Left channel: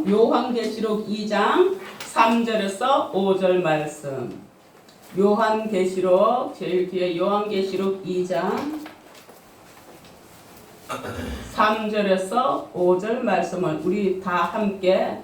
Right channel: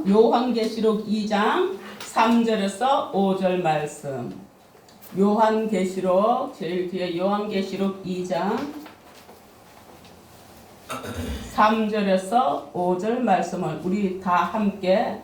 말씀 요한계시록 2장 3절에서 5절 말씀. 요한계시록 제일 뒤에 요한계시록 2장 3절에서 5절 말씀을 우리 다 함께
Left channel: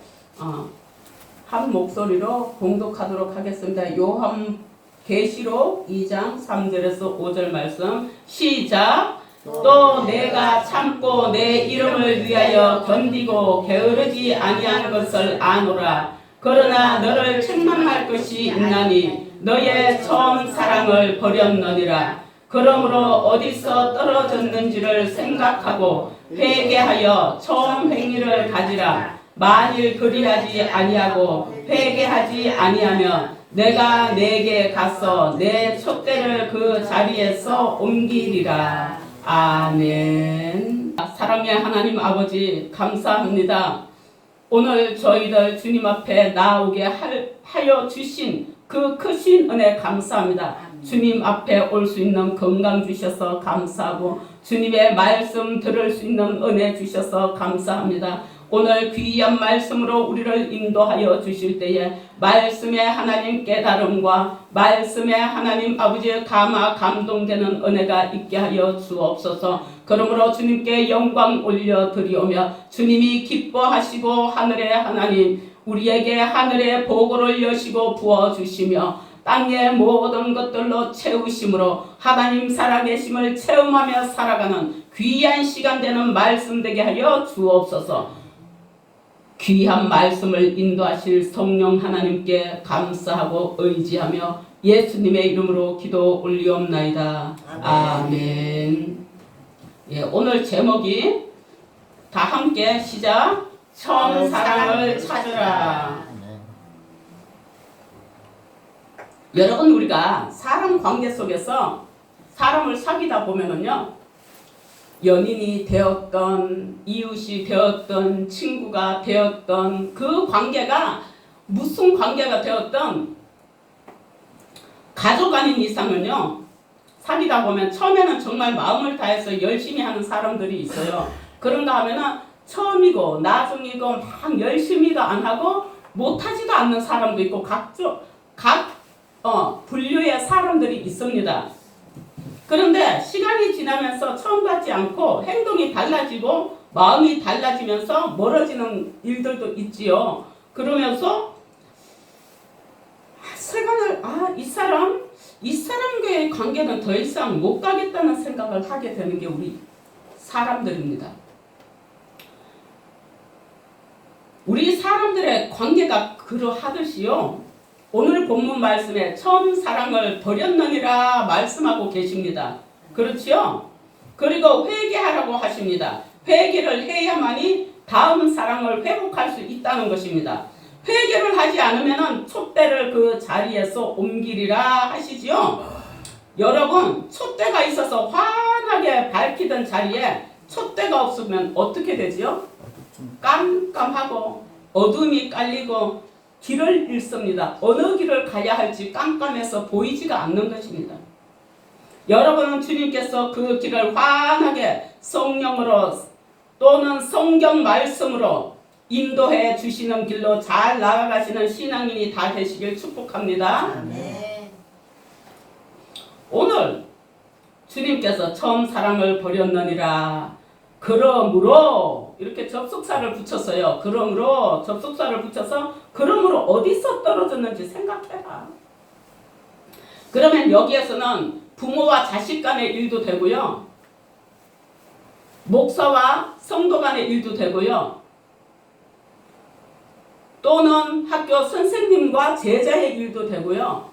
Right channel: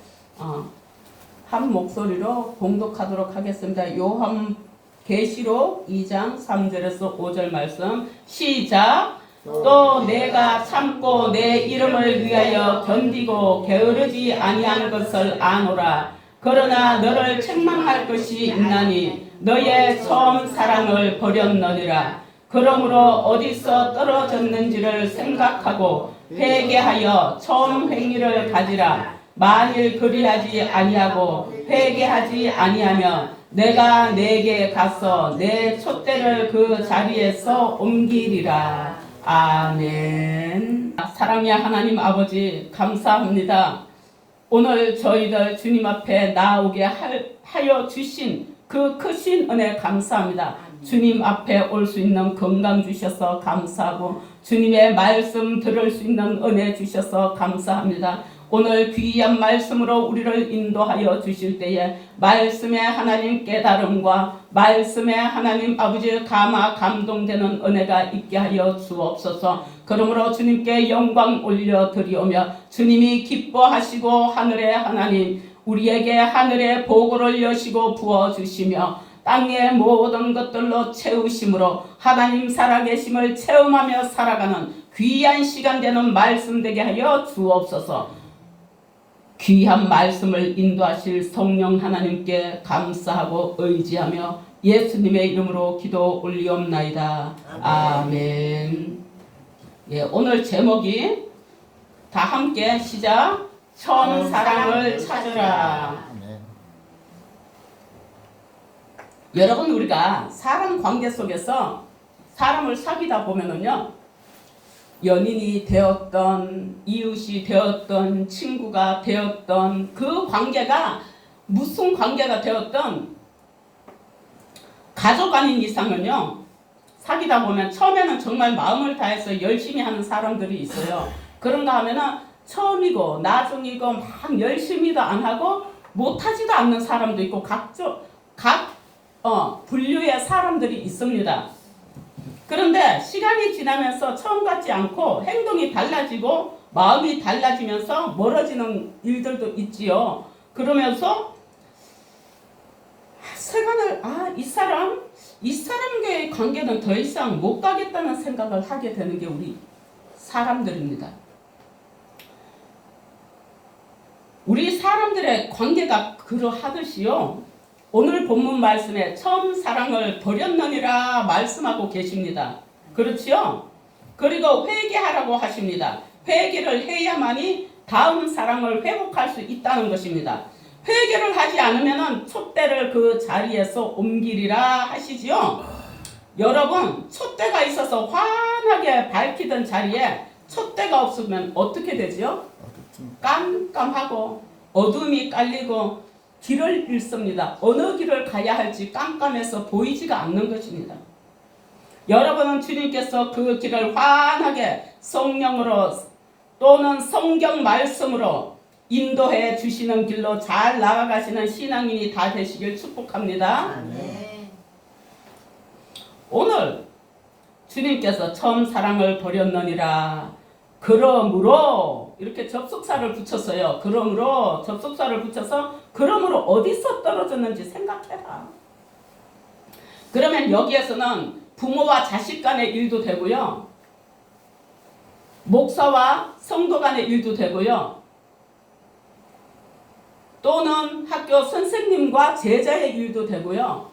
한 목소리로 공독하도록 하겠습니다. 요한계시록 2장 3절에서 5절 말씀 시작. 또 내가 참고 내 이름을 위하여 견디고 게으르지 아니한 것을 아노라. 그러나 너를 책망할 것이 있나니 너의 처음 사랑을 버렸느니라. 그러므로 어디서 떨어졌는지를 생각하고 회개하여 처음 행위를 가지라. 만일 그리하지 아니하고 회개하지 아니하면 내가 내게 가서 내 촛대를 그 자리에서 옮기리라. 아멘. 사랑의 하나님 아버지 감사합니다. 오늘 저희들 주님 앞에 나오게 하여 주신 그 크신 은혜 감사합니다. 주님 앞에 올 수 있는 건강 주셔서 감사하고 주님의 말씀 들을 수 있는 은혜 주셔서 감사합니다. 오늘 귀한 말씀으로 우리를 인도하여 주실 때에 말씀의 하나님 깨달음과 말씀의 하나님 아버지의 감동되는 은혜가 있게 하여 주옵소서. 그러므로 주님께 영광 올려드리오며 주님이 기뻐하시고 하늘의 하나님 우리에게 하늘의 보고를 여시고 부어주시며 땅의 모든 것들로 채우심으로 하나님 살아계심을 체험하며 살아가는 귀한 시간 되는 말씀 되게 하여 주옵소서. 귀한 말씀을 인도하실 성령 하나님께 감사하고 의지하며 예수님의 이름으로 기도 올리옵나이다. 아멘. 예, 오늘 제목이 다 함께 시작. 처음 사랑을 찾으라. 여러분 우리가 사람 관계 속에서 사람을 사귀다 보면은요. 연인이 되었던 이웃이 되었던 친구가 되었던 그 관계가 무슨 관계가 되었던 가족 아닌 이상은요. 사귀다 보면 처음에는 정말 마음을 다해서 열심히 하는 사람들이 있어요. 그런가 하면은 처음이고 나중이고 막 열심히도 안 하고 못하지도 않는 사람도 있고 각 분류의 사람들이 있습니다. 그런데 시간이 지나면서 처음 같지 않고 행동이 달라지고 마음이 달라지면서 멀어지는 일들도 있지요. 그러면서 세간을 이 사람과의 관계는 더 이상 못 가겠다는 생각을 하게 되는 게 우리 사람들입니다. 우리 사람들의 관계가 그러하듯이요. 오늘 본문 말씀에 처음 사랑을 버렸느니라 말씀하고 계십니다. 그렇지요? 그리고 회개하라고 하십니다. 회개를 해야만이 다음 사랑을 회복할 수 있다는 것입니다. 회개를 하지 않으면 촛대를 그 자리에서 옮기리라 하시지요. 여러분 촛대가 있어서 환하게 밝히던 자리에 촛대가 없으면 어떻게 되지요? 깜깜하고 어둠이 깔리고 길을 잃습니다. 어느 길을 가야 할지 깜깜해서 보이지가 않는 것입니다. 여러분은 주님께서 그 길을 환하게 성령으로 또는 성경 말씀으로 인도해 주시는 길로 잘 나아가시는 신앙인이 다 되시길 축복합니다. 네. 오늘 주님께서 처음 사랑을 버렸느니라. 그러므로 이렇게 접속사를 붙였어요. 그러므로 접속사를 붙여서 그러므로 어디서 떨어졌는지 생각해라. 그러면 여기에서는 부모와 자식 간의 일도 되고요. 목사와 성도 간의 일도 되고요. 또는 학교 선생님과 제자의 일도 되고요.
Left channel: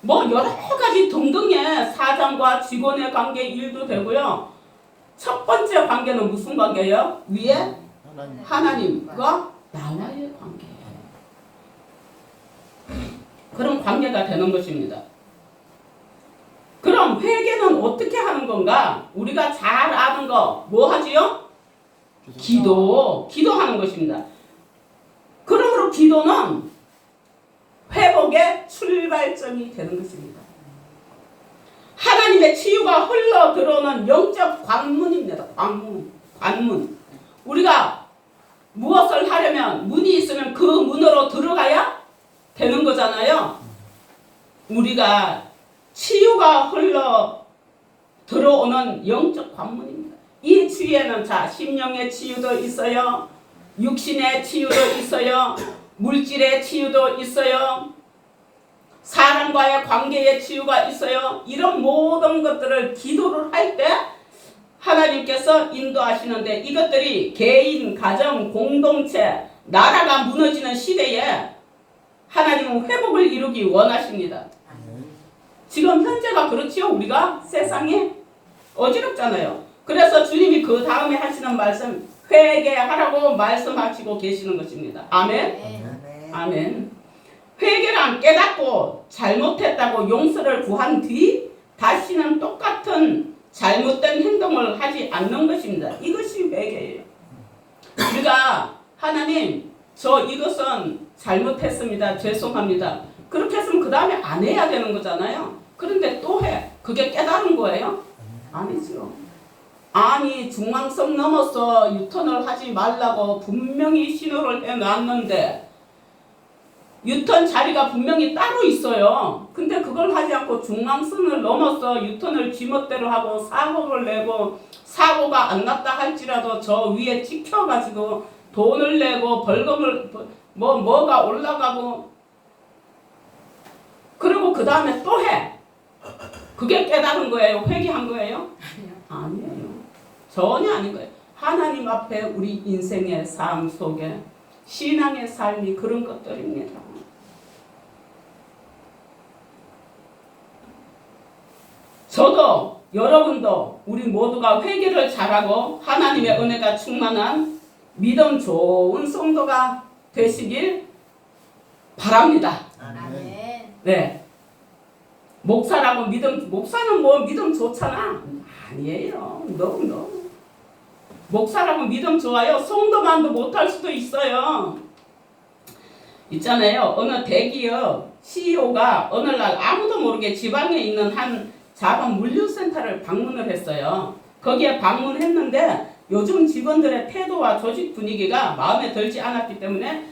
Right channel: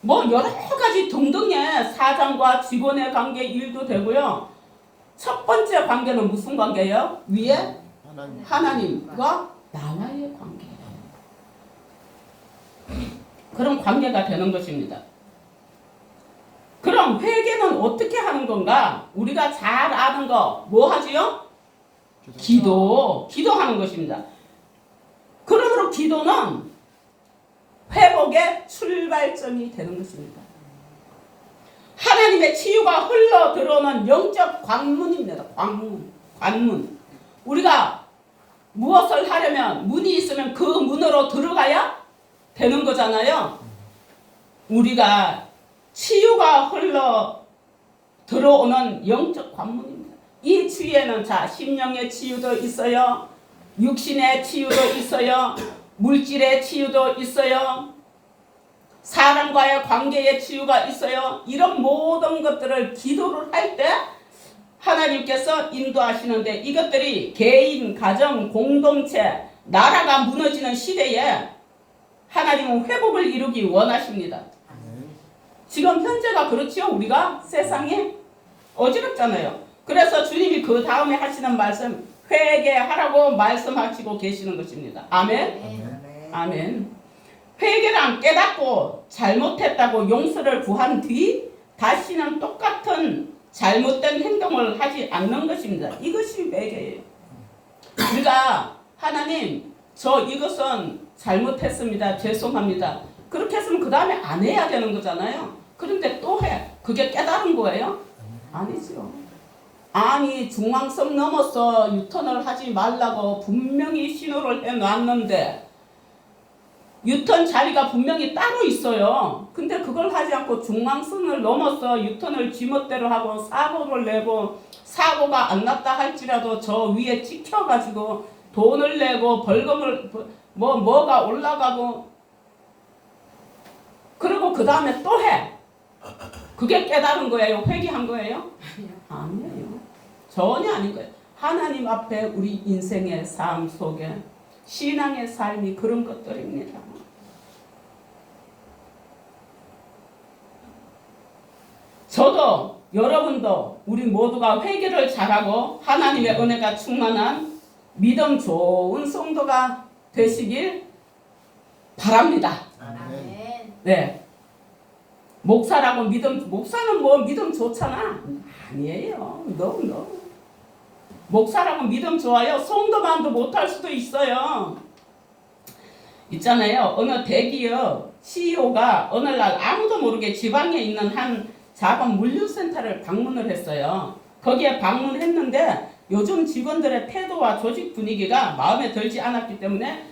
뭐 여러 가지 등등의 사장과 직원의 관계 일도 되고요. 첫 번째 관계는 무슨 관계예요? 위에 하나님과 나와의 관계예요. 그런 관계가 되는 것입니다. 그럼 회개는 어떻게 하는 건가? 우리가 잘 아는 거 뭐 하지요? 기도하는 것입니다. 그러므로 기도는 회복의 출발점이 되는 것입니다. 하나님의 치유가 흘러 들어오는 영적 관문입니다. 관문. 우리가 무엇을 하려면 있으면 문이 있으면 그 문으로 들어가야 되는 거잖아요. 우리가 치유가 흘러 들어오는 영적 관문입니다. 이 치유에는 자 심령의 치유도 있어요. 육신의 치유도 있어요. 물질의 치유도 있어요. 사람과의 관계의 치유가 있어요. 이런 모든 것들을 기도를 할 때 하나님께서 인도하시는데 이것들이 개인, 가정, 공동체, 나라가 무너지는 시대에 하나님은 회복을 이루기 원하십니다. 지금 현재가 그렇지요. 우리가 세상에 어지럽잖아요. 그래서 주님이 그 다음에 하시는 말씀 회개하라고 말씀하시고 계시는 것입니다. 아멘. 아멘. 회개란 깨닫고 잘못했다고 용서를 구한 뒤 다시는 똑같은 잘못된 행동을 하지 않는 것입니다. 이것이 회개예요. 우리가 하나님 저 이것은 잘못했습니다. 죄송합니다. 그렇게 했으면 그 다음에 안 해야 되는 거잖아요. 그런데 또 해. 그게 깨달은 거예요? 아니죠. 아니 중앙선 넘어서 유턴을 하지 말라고 분명히 신호를 해놨는데 유턴 자리가 분명히 따로 있어요. 근데 그걸 하지 않고 중앙선을 넘어서 유턴을 지멋대로 하고 사고를 내고 사고가 안 났다 할지라도 저 위에 찍혀가지고 돈을 내고 벌금을 뭐가 올라가고 그리고 그 다음에 또 해. 그게 깨달은 거예요? 회개한 거예요? 아니에요. 전혀 아닌 거예요. 하나님 앞에 우리 인생의 삶 속에 신앙의 삶이 그런 것들입니다. 저도 여러분도 우리 모두가 회개를 잘하고 하나님의 은혜가 충만한 믿음 좋은 성도가 되시길 바랍니다. 아멘. 네. 목사라고 목사는 뭐 믿음 좋잖아. 아니에요. 너무. 목사라고 믿음 좋아요. 성도만도 못할 수도 있어요. 있잖아요. 어느 대기업 CEO가 어느 날 아무도 모르게 지방에 있는 한 작은 물류센터를 방문을 했어요. 거기에 방문했는데 요즘 직원들의 태도와 조직 분위기가 마음에 들지 않았기 때문에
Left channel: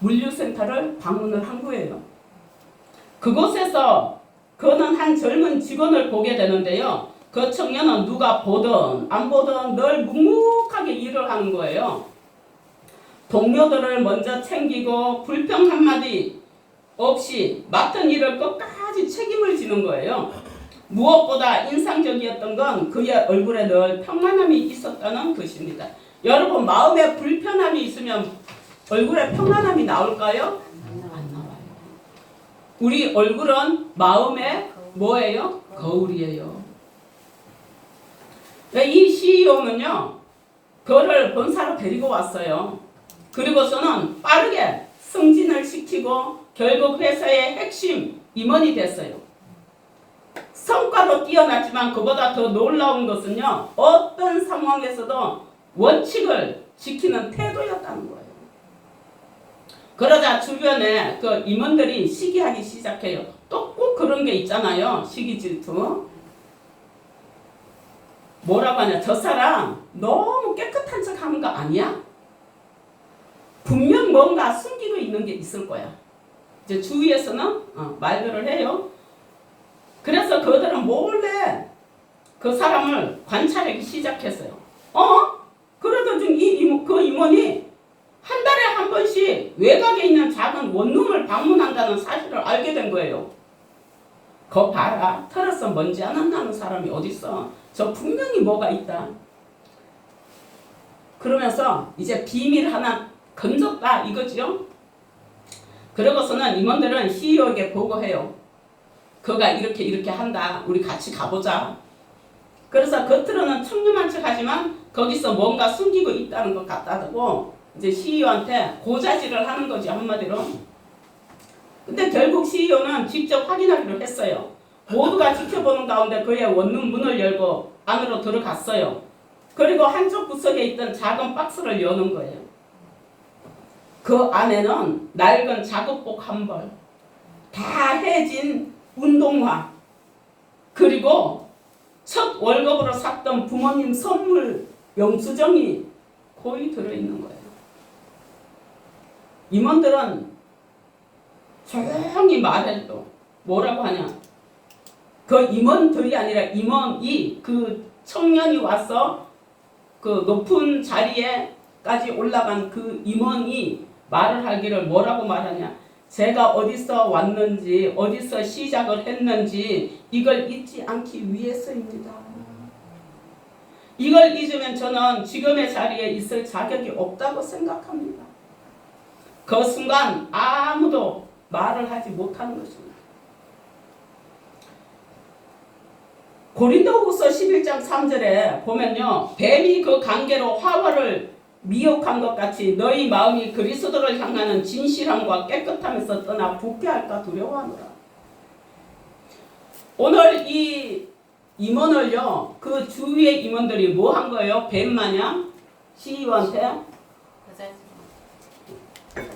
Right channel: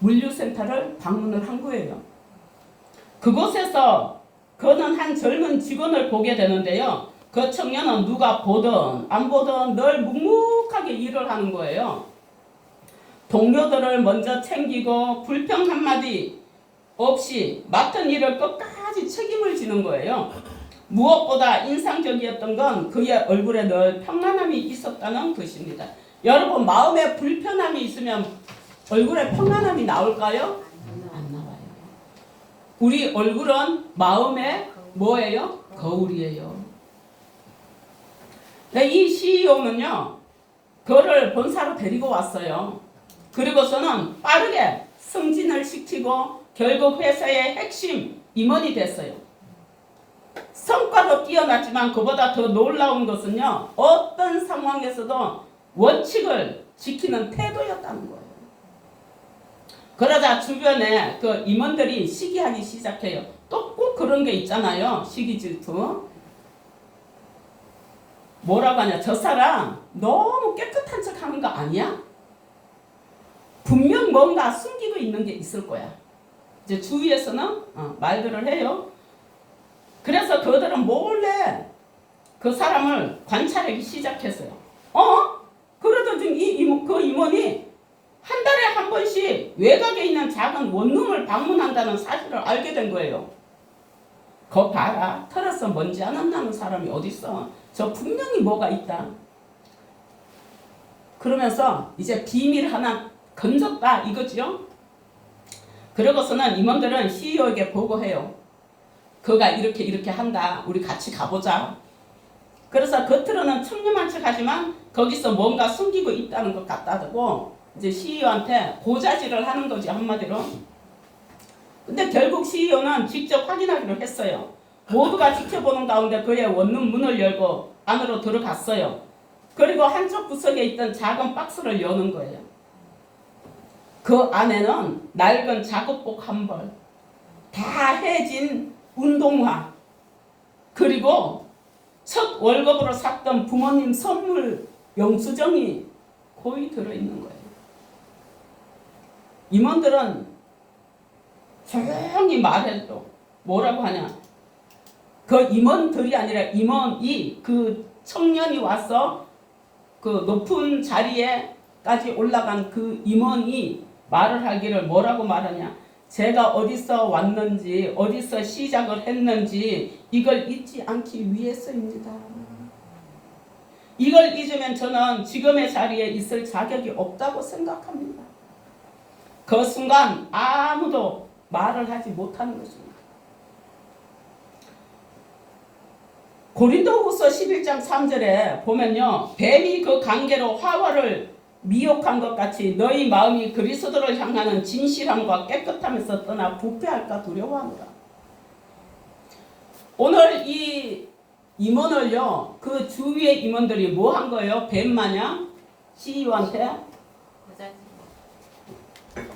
물류센터를 방문을 한 거예요. 그곳에서 그는 한 젊은 직원을 보게 되는데요. 그 청년은 누가 보든 안 보든 늘 묵묵하게 일을 하는 거예요. 동료들을 먼저 챙기고 불평 한마디 없이 맡은 일을 끝까지 책임을 지는 거예요. 무엇보다 인상적이었던 건 그의 얼굴에 늘 평안함이 있었다는 것입니다. 여러분 마음에 불편함이 있으면 얼굴에 평안함이 나올까요? 안 나와요. 우리 얼굴은 마음에 뭐예요? 거울이에요. 이 CEO는요. 그를 본사로 데리고 왔어요. 그리고서는 빠르게 승진을 시키고 결국 회사의 핵심 임원이 됐어요. 성과도 뛰어났지만 그보다 더 놀라운 것은요. 어떤 상황에서도 원칙을 지키는 태도였다는 거예요. 그러자 주변에 그 임원들이 시기하기 시작해요. 또 꼭 그런 게 있잖아요. 시기 질투. 뭐라고 하냐. 저 사람 너무 깨끗한 척 하는 거 아니야? 분명 뭔가 숨기고 있는 게 있을 거야. 이제 주위에서는 말들을 해요. 그래서 그들은 몰래 그 사람을 관찰하기 시작했어요. 그래도 지금 그 임원이 한 달에 한 번씩 외곽에 있는 작은 원룸을 방문한다는 사실을 알게 된 거예요. 거 봐라. 털어서 먼지 안 나는 사람이 어딨어. 저 분명히 뭐가 있다. 그러면서 이제 비밀 하나 건졌다 이거죠. 그러고서는 임원들은 CEO에게 보고해요. 그가 이렇게 한다. 우리 같이 가보자. 그래서 겉으로는 청렴한 척 하지만 거기서 뭔가 숨기고 있다는 것 같다고 이제 CEO한테 고자질을 하는 거죠. 한마디로. 근데 결국 CEO는 직접 확인하기로 했어요. 모두가 지켜보는 가운데 그의 원룸 문을 열고 안으로 들어갔어요. 그리고 한쪽 구석에 있던 작은 박스를 여는 거예요. 그 안에는 낡은 작업복 한 벌, 다 해진 운동화, 그리고 첫 월급으로 샀던 부모님 선물 영수증이 거의 들어있는 거예요. 임원들은 조용히 말해도 뭐라고 하냐? 그 임원들이 아니라 임원이 그 청년이 와서 그 높은 자리에까지 올라간 그 임원이 말을 하기를 뭐라고 말하냐? 제가 어디서 왔는지 어디서 시작을 했는지 이걸 잊지 않기 위해서입니다. 이걸 잊으면 저는 지금의 자리에 있을 자격이 없다고 생각합니다. 그 순간 아무도 말을 하지 못하는 것입니다. 고린도후서 11장 3절에 보면요, 뱀이 그 관계로 하와를 미혹한 것 같이 너희 마음이 그리스도를 향하는 진실함과 깨끗함에서 떠나 부패할까 두려워하노라. 오늘 이 임원을요, 그 주위의 임원들이 뭐 한 거예요? 뱀 마냥 CEO한테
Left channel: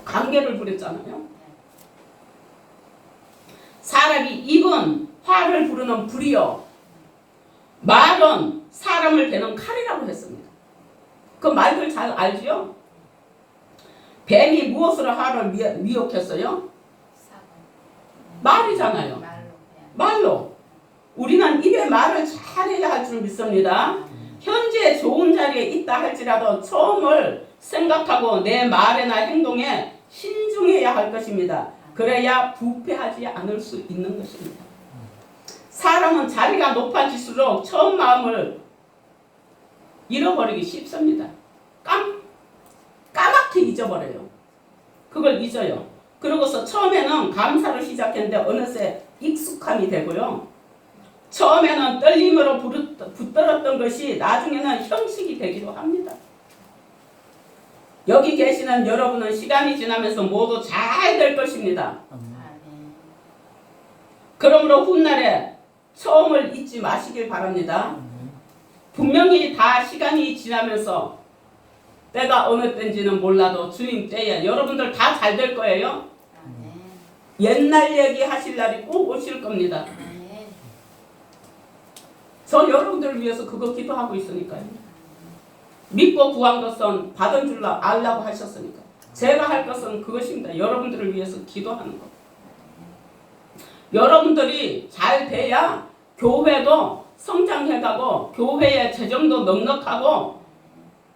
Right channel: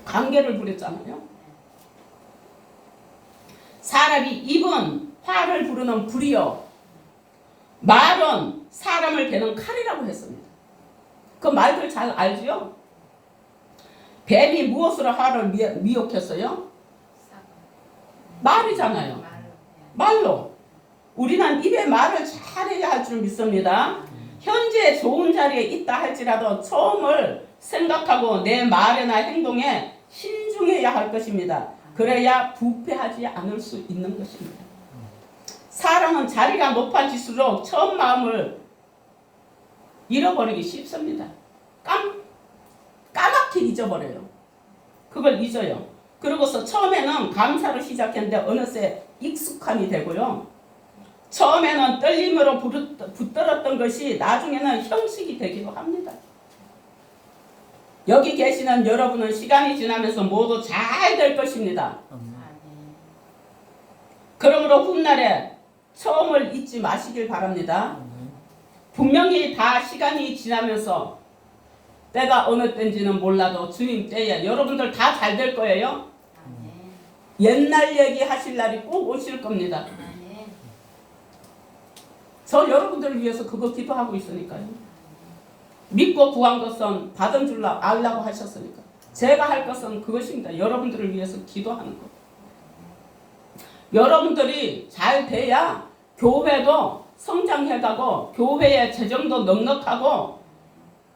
관계를 부렸잖아요. 사람이 입은 화를 부르는 불이요, 말은 사람을 베는 칼이라고 했습니다. 그 말들 잘 알지요? 뱀이 무엇으로 화를 미혹했어요? 말이잖아요. 말로. 우리는 입에 말을 잘해야 할 줄 믿습니다. 현재 좋은 자리에 있다 할지라도 처음을 생각하고 내 말이나 행동에 신중해야 할 것입니다. 그래야 부패하지 않을 수 있는 것입니다. 사람은 자리가 높아질수록 처음 마음을 잃어버리기 쉽습니다. 까맣게 잊어버려요. 그걸 잊어요. 그러고서 처음에는 감사로 시작했는데 어느새 익숙함이 되고요. 처음에는 떨림으로 붙들었던 것이 나중에는 형식이 되기도 합니다. 여기 계시는 여러분은 시간이 지나면서 모두 잘 될 것입니다. 그러므로 훗날에 처음을 잊지 마시길 바랍니다. 분명히 다 시간이 지나면서 때가 어느 때인지는 몰라도 주님 때에 여러분들 다 잘 될 거예요. 옛날 얘기 하실 날이 꼭 오실 겁니다. 저 여러분들을 위해서 그거 기도하고 있으니까요. 믿고 구한 것은 받은 줄 알라고 하셨으니까. 제가 할 것은 그것입니다. 여러분들을 위해서 기도하는 것. 여러분들이 잘 돼야 교회도 성장해가고 교회의 재정도 넉넉하고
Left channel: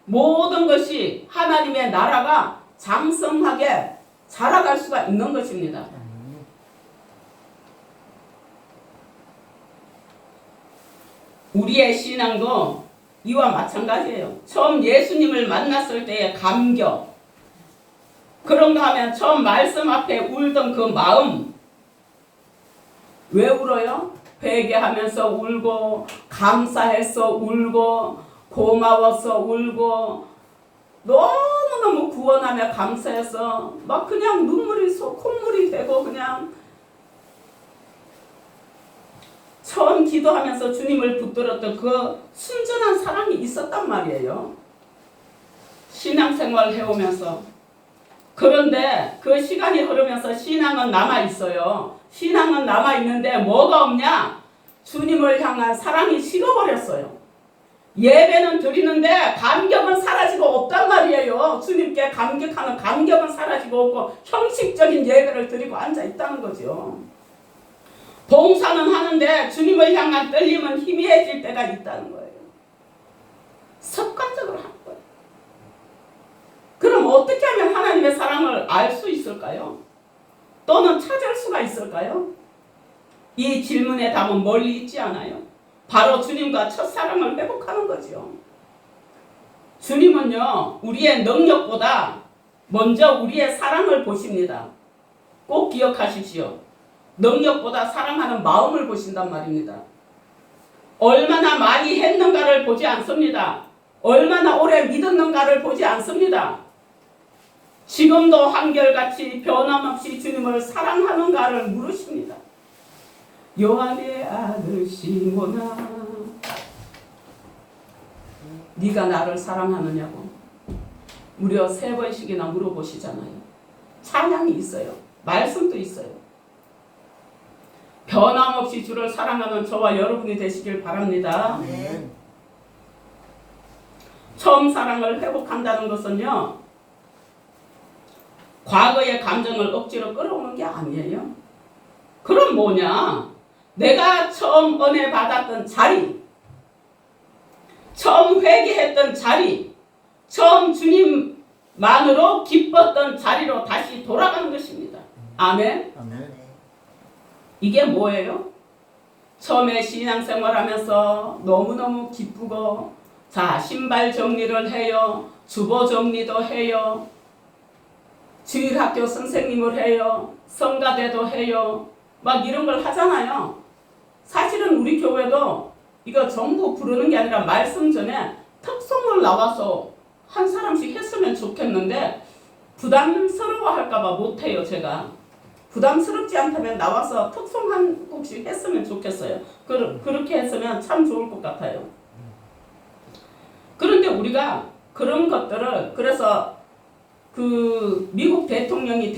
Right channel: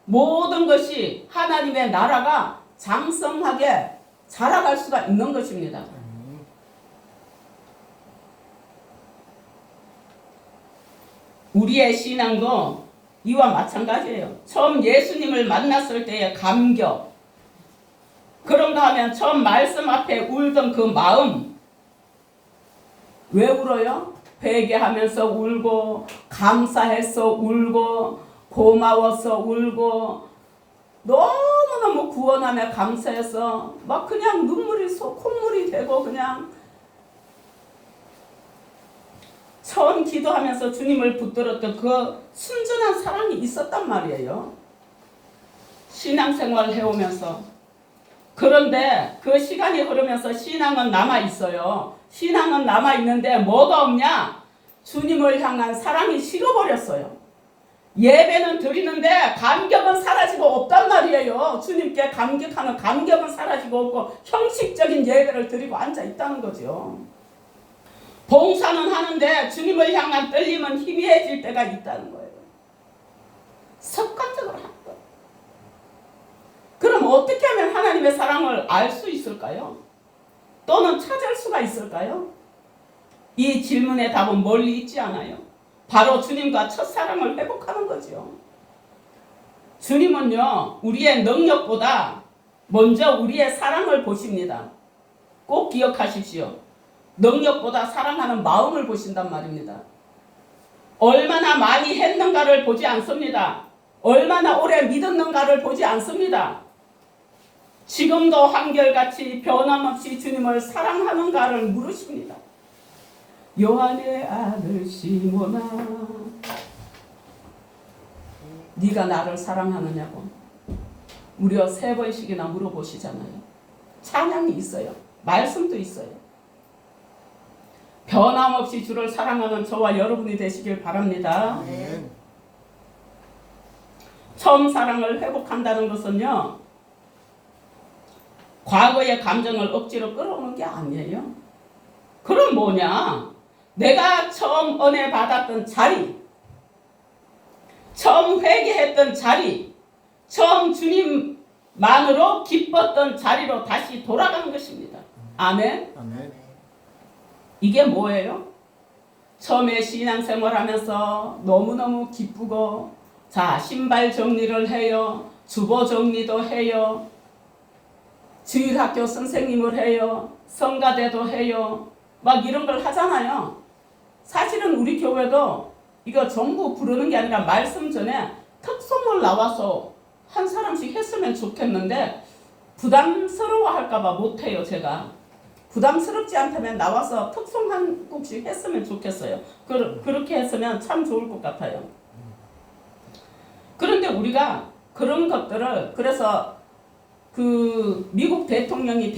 모든 것이 하나님의 나라가 장성하게 자라갈 수가 있는 것입니다. 우리의 신앙도 이와 마찬가지예요. 처음 예수님을 만났을 때의 감격, 그런가 하면 처음 말씀 앞에 울던 그 마음, 왜 울어요? 회개하면서 울고, 감사해서 울고, 고마워서 울고, 너무너무 구원하며 감사해서 막 그냥 눈물이 콧물이 되고 그냥 처음 기도하면서 주님을 붙들었던 그 순전한 사랑이 있었단 말이에요. 신앙생활 해오면서. 그런데 그 시간이 흐르면서 신앙은 남아있어요. 신앙은 남아있는데 뭐가 없냐? 주님을 향한 사랑이 식어버렸어요. 예배는 드리는데 감격은 사라지고 없단 말이에요. 주님께 감격하는 감격은 사라지고 없고 형식적인 예배를 드리고 앉아있다는 거죠. 봉사는 하는데 주님을 향한 떨림은 희미해질 때가 있다는 거예요. 습관적으로 하는 거예요. 그럼 어떻게 하면 하나님의 사랑을 알 수 있을까요? 또는 찾을 수가 있을까요? 이 질문의 답은 멀리 있지 않아요. 바로 주님과 첫사랑을 회복하는 거죠. 주님은요, 우리의 능력보다 먼저 우리의 사랑을 보십니다. 꼭 기억하십시오. 능력보다 사랑하는 마음을 보신단 말입니다. 얼마나 많이 했는가를 보지 않습니다. 얼마나 오래 믿었는가를 보지 않습니다. 지금도 한결같이 변함없이 주님을 사랑하는가를 물으십니다. 요한의 아들 시몬아, 네가 나를 사랑하느냐고 무려 3번씩이나 물어보시잖아요. 찬양이 있어요. 말씀도 있어요. 변함없이 주를 사랑하는 저와 여러분이 되시길 바랍니다. 네. 처음 사랑을 회복한다는 것은요, 과거의 감정을 억지로 끌어오는 게 아니에요. 그럼 뭐냐? 내가 처음 은혜 받았던 자리, 처음 회개했던 자리, 처음 주님만으로 기뻤던 자리로 다시 돌아가는 것입니다. 아멘. 아멘. 이게 뭐예요? 처음에 신앙생활하면서 너무너무 기쁘고, 자, 신발 정리를 해요. 주보 정리도 해요. 주일학교 선생님을 해요. 성가대도 해요. 막 이런 걸 하잖아요. 사실은 우리 교회도 이거 전부 부르는 게 아니라 말씀 전에 특송을 나와서 한 사람씩 했으면 좋겠는데 부담스러워 할까봐 못해요. 제가 부담스럽지 않다면 나와서 특송 한 곡씩 했으면 좋겠어요. 그렇게 했으면 참 좋을 것 같아요. 그런데 우리가 그런 것들을, 그래서 그 미국 대통령이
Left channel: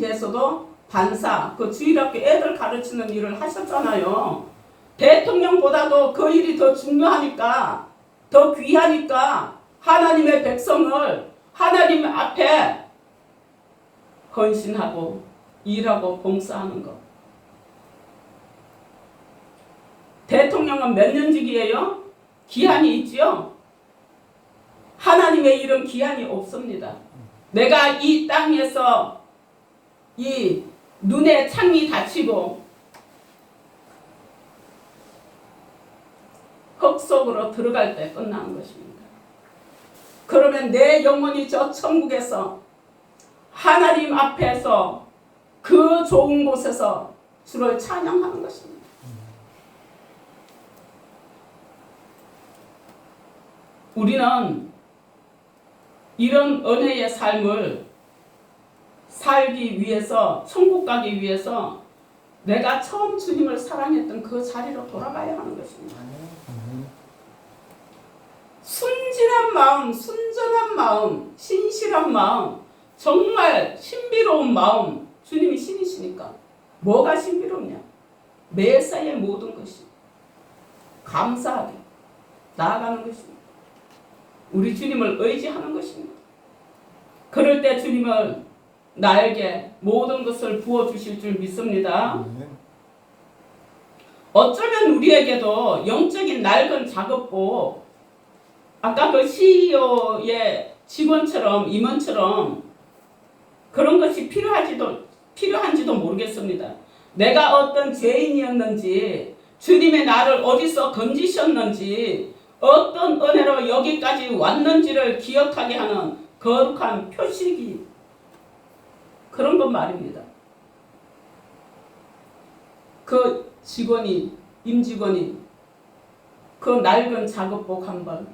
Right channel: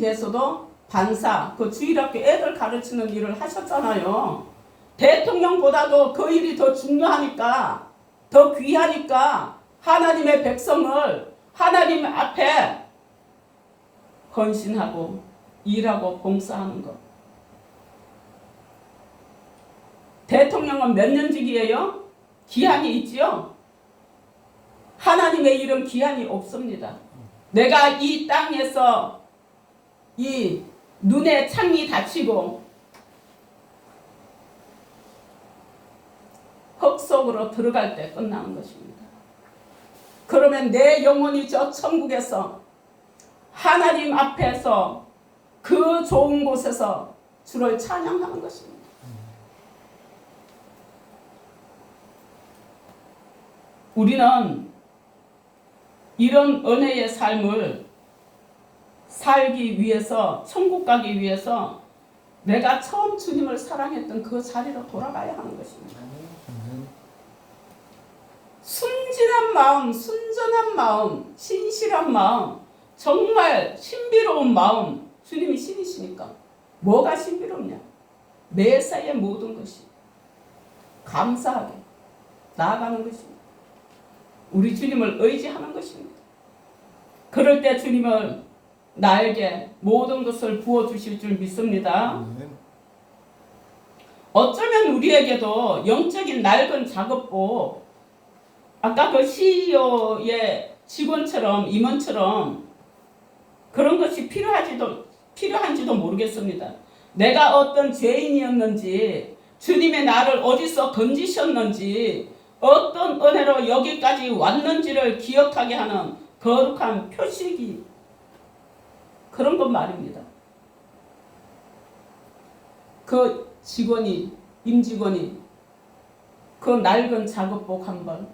돼서도 반사, 그 주일학교 애들 가르치는 일을 하셨잖아요. 대통령보다도 그 일이 더 중요하니까, 더 귀하니까 하나님의 백성을 하나님 앞에 헌신하고 일하고 봉사하는 것. 대통령은 몇 년직이에요? 기한이 있지요? 하나님의 일은 기한이 없습니다. 내가 이 땅에서 이 눈에 창이 닫히고 흙 속으로 들어갈 때 끝나는 것입니다. 그러면 내 영혼이 저 천국에서 하나님 앞에서 그 좋은 곳에서 주를 찬양하는 것입니다. 우리는 이런 은혜의 삶을 살기 위해서, 천국 가기 위해서 내가 처음 주님을 사랑했던 그 자리로 돌아가야 하는 것입니다. 순진한 마음, 순전한 마음, 신실한 마음, 정말 신비로운 마음. 주님이 신이시니까 뭐가 신비롭냐? 매사의 모든 것이 감사하게 나아가는 것입니다. 우리 주님을 의지하는 것입니다. 그럴 때 주님은 나에게 모든 것을 부어주실 줄 믿습니다. 어쩌면 우리에게도 영적인 낡은 작업복, 아까 그 CEO의 직원처럼, 임원처럼 그런 것이 필요한지도 모르겠습니다. 내가 어떤 죄인이었는지, 주님의 나를 어디서 건지셨는지, 어떤 은혜로 여기까지 왔는지를 기억하게 하는 거룩한 표식이, 그런 것 말입니다. 그 직원이, 임직원이 그 낡은 작업복 한 번,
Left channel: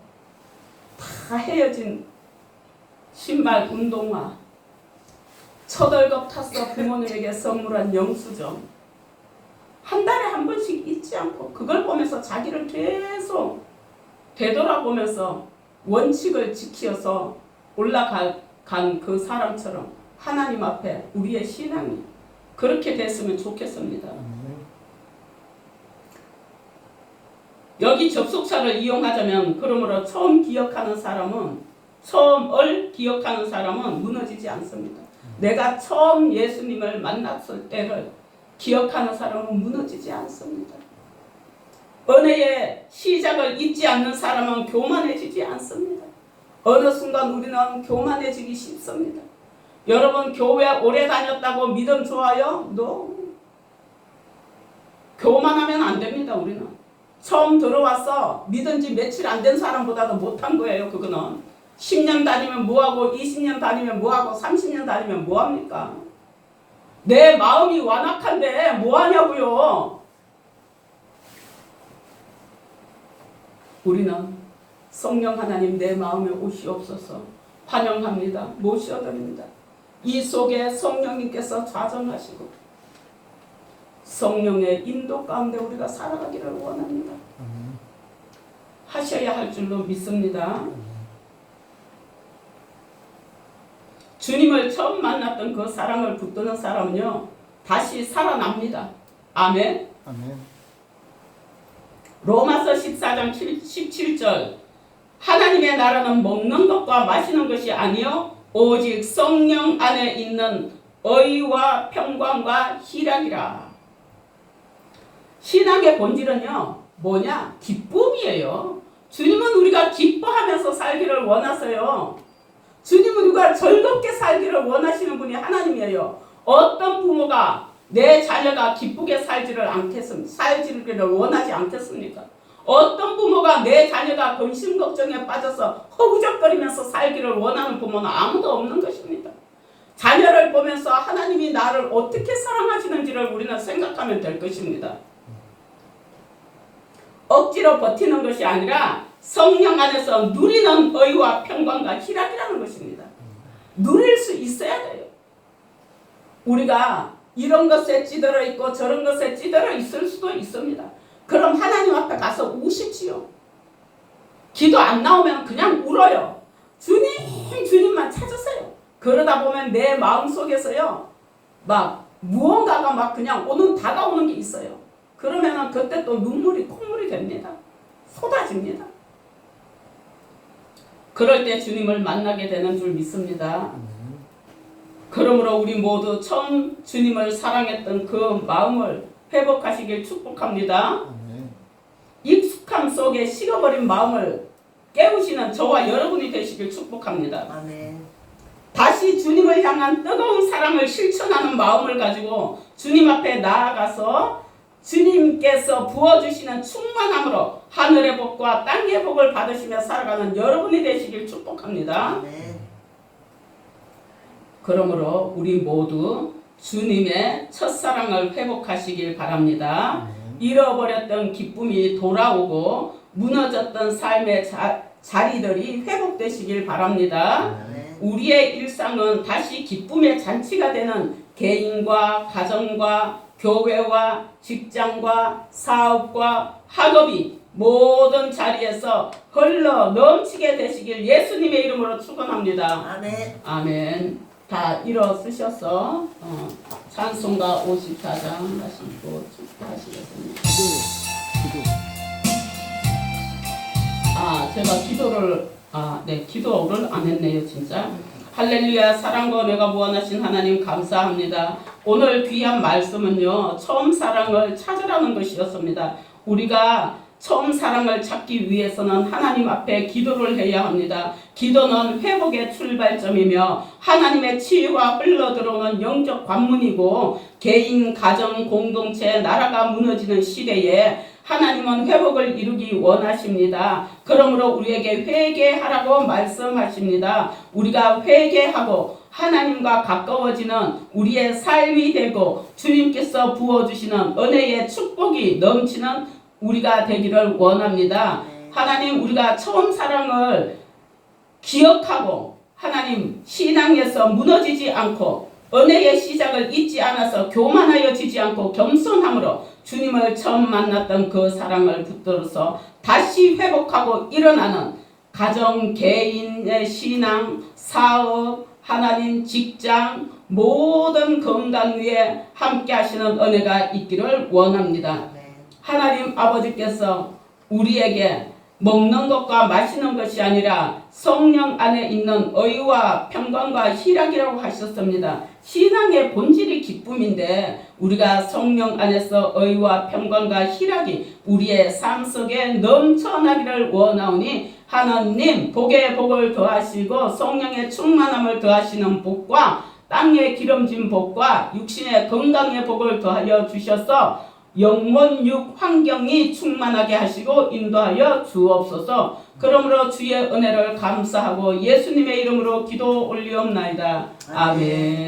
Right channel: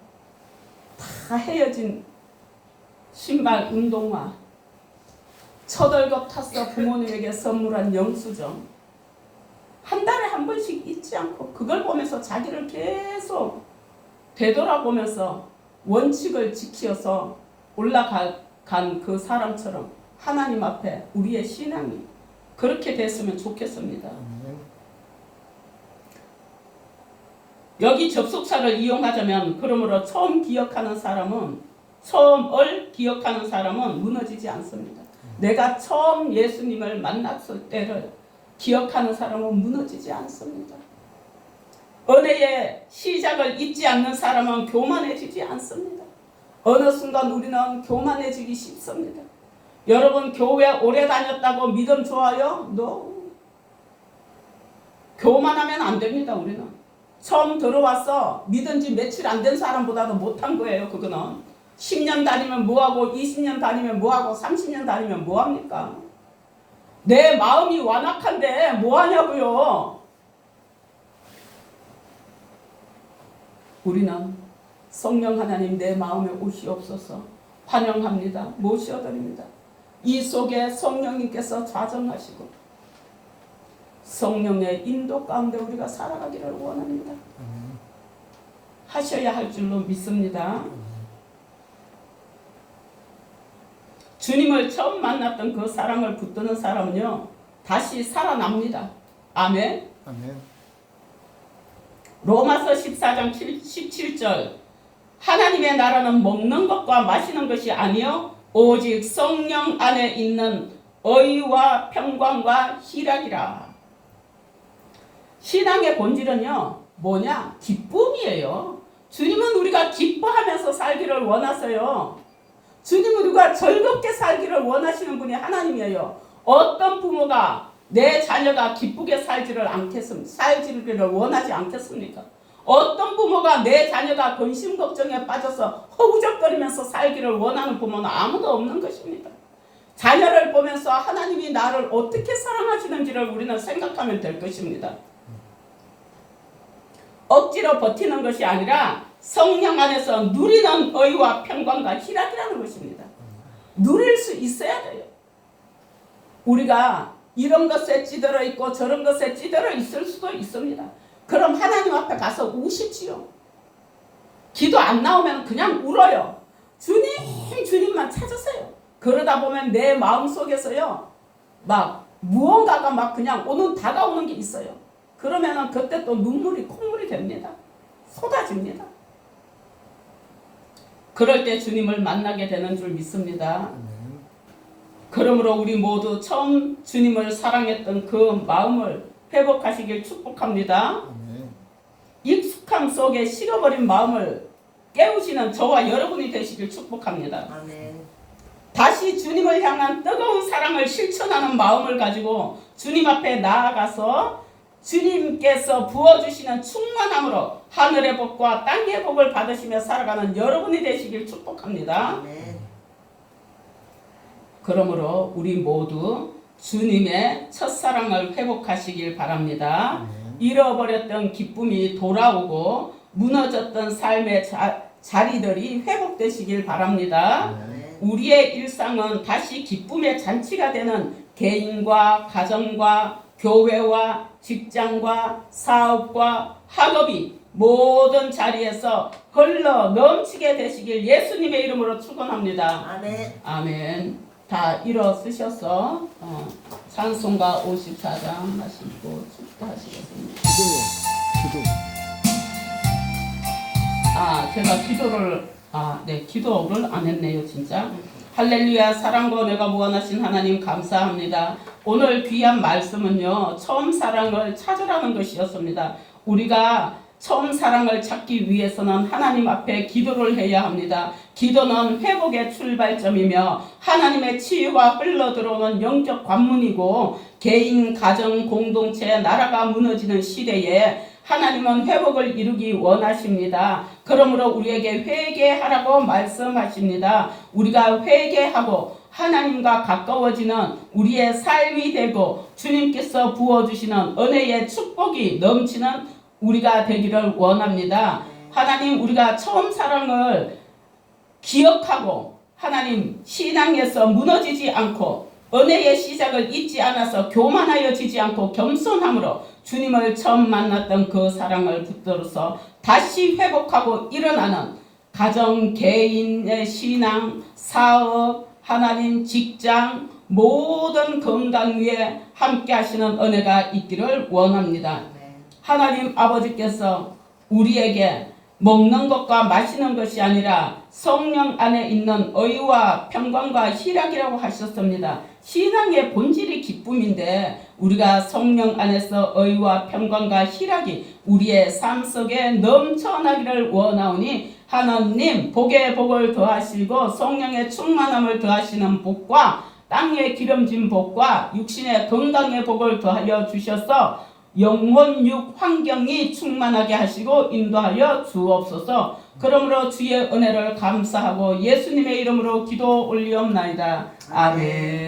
다 헤어진 신발, 운동화, 처덜겁 탔어 부모님에게 선물한 영수증, 한 달에 한 번씩 잊지 않고 그걸 보면서 자기를 계속 되돌아보면서 원칙을 지켜서 올라간 그 사람처럼 하나님 앞에 우리의 신앙이 그렇게 됐으면 좋겠습니다. 여기 접속사를 이용하자면, 그러므로 처음을 기억하는 사람은 무너지지 않습니다. 내가 처음 예수님을 만났을 때를 기억하는 사람은 무너지지 않습니다. 은혜의 시작을 잊지 않는 사람은 교만해지지 않습니다. 어느 순간 우리는 교만해지기 쉽습니다. 여러분, 교회 오래 다녔다고 믿음 좋아요? No. 교만하면 안 됩니다. 우리는 처음 들어와서 믿은 지 며칠 안 된 사람보다도 못한 거예요. 그거는 10년 다니면 뭐하고, 20년 다니면 뭐하고, 30년 다니면 뭐합니까? 내 마음이 완악한데 뭐하냐고요. 우리는 성령 하나님 내 마음에 오시옵소서 환영합니다. 모셔드립니다. 이 속에 성령님께서 좌정하시고 성령의 인도 가운데 우리가 살아가기를 원합니다. 하셔야 할 줄로 믿습니다. 주님을 처음 만났던 그 사랑을 붙드는 사람은요, 다시 살아납니다. 아멘. 아멘. 로마서 14장 17절, 하나님의 나라는 먹는 것과 마시는 것이 아니요 오직 성령 안에 있는 의와 평강과 희락이라. 신앙의 본질은요 뭐냐? 기쁨이에요. 주님은 우리가 기뻐하면서 살기를 원하세요. 주님은 우리가 즐겁게 살기를 원하시는 분이 하나님이에요. 어떤 부모가 내 자녀가 기쁘게 살지를 원하지 않겠습니까? 어떤 부모가 내 자녀가 근심 걱정에 빠져서 허우적거리면서 살기를 원하는 부모는 아무도 없는 것입니다. 자녀를 보면서 하나님이 나를 어떻게 사랑하시는지를 우리는 생각하면 될 것입니다. 억지로 버티는 것이 아니라 성령 안에서 누리는 의와 평강과 희락이라는 것입니다. 누릴 수 있어야 돼요. 우리가 이런 것에 찌들어 있고 저런 것에 찌들어 있을 수도 있습니다. 그럼 하나님 앞에 가서 우십시오. 기도 안 나오면 그냥 울어요. 주님만 찾으세요. 그러다 보면 내 마음속에서요 막 무언가가 막 그냥 다가오는 게 있어요. 그러면은 그때 또 눈물이 콧물이 됩니다. 쏟아집니다. 그럴 때 주님을 만나게 되는 줄 믿습니다. 그러므로 우리 모두 처음 주님을 사랑했던 그 마음을 회복하시길 축복합니다. 익숙함 속에 식어버린 마음을 깨우시는 저와 여러분이 되시길 축복합니다. 다시 주님을 향한 뜨거운 사랑을 실천하는 마음을 가지고 주님 앞에 나아가서 주님께서 부어주시는 충만함으로 하늘의 복과 땅의 복을 받으시며 살아가는 여러분이 되시길 축복합니다. 그러므로 우리 모두 주님의 첫사랑을 회복하시길 바랍니다. 잃어버렸던 기쁨이 돌아오고 무너졌던 삶의 자리들이 회복되시길 바랍니다. 우리의 일상은 다시 기쁨의 잔치가 되는 개인과 가정과 교회와 직장과 사업과 학업이 모든 자리에서 흘러 넘치게 되시길 예수님의 이름으로 축원합니다. 아멘. 다 일어서셔서 찬송가 54장 하시고 축도하시겠습니다. 제가 기도를 안 했네요, 진짜. 할렐루야. 사랑과 은혜가 무한하신 하나님 감사합니다. 오늘 귀한 말씀은요 처음 사랑을 찾으라는 것이었습니다. 우리가 처음 사랑을 찾기 위해서는 하나님 앞에 기도를 해야 합니다. 기도는 회복의 출발점이며 하나님의 치유가 흘러들어오는 영적 관문이고 개인, 가정, 공동체, 나라가 무너지는 시대에 하나님은 회복을 이루기 원하십니다. 그러므로 우리에게 회개하라고 말씀하십니다. 우리가 회개하고 하나님과 가까워지는 우리의 삶이 되고 주님께서 부어주시는 은혜의 축복이 넘치는 우리가 되기를 원합니다. 하나님, 우리가 처음 사랑을 기억하고 하나님 신앙에서 무너지지 않고 은혜의 시작을 잊지 않아서 교만하여지지 않고 겸손함으로 주님을 처음 만났던 그 사랑을 붙들어서 다시 회복하고 일어나는 가정, 개인의 신앙, 사업, 하나님, 직장 모든 건강 위에 함께 하시는 은혜가 있기를 원합니다. 하나님 아버지께서 우리에게 먹는 것과 마시는 것이 아니라 성령 안에 있는 의와 평강과 희락이라고 하셨습니다. 신앙의 본질이 기쁨인데 우리가 성령 안에서 의와 평강과 희락이 우리의 삶 속에 넘쳐나기를 원하오니 하나님 복의 복을 더하시고 성령의 충만함을 더하시는 복과 땅의 기름진 복과 육신의 건강의 복을 더하여 주셔서 영혼육 환경이 충만하게 하시고 인도하여 주옵소서. 그러므로 주의 은혜를 감사하고 예수님의 이름으로 기도 올리옵나이다. 아멘.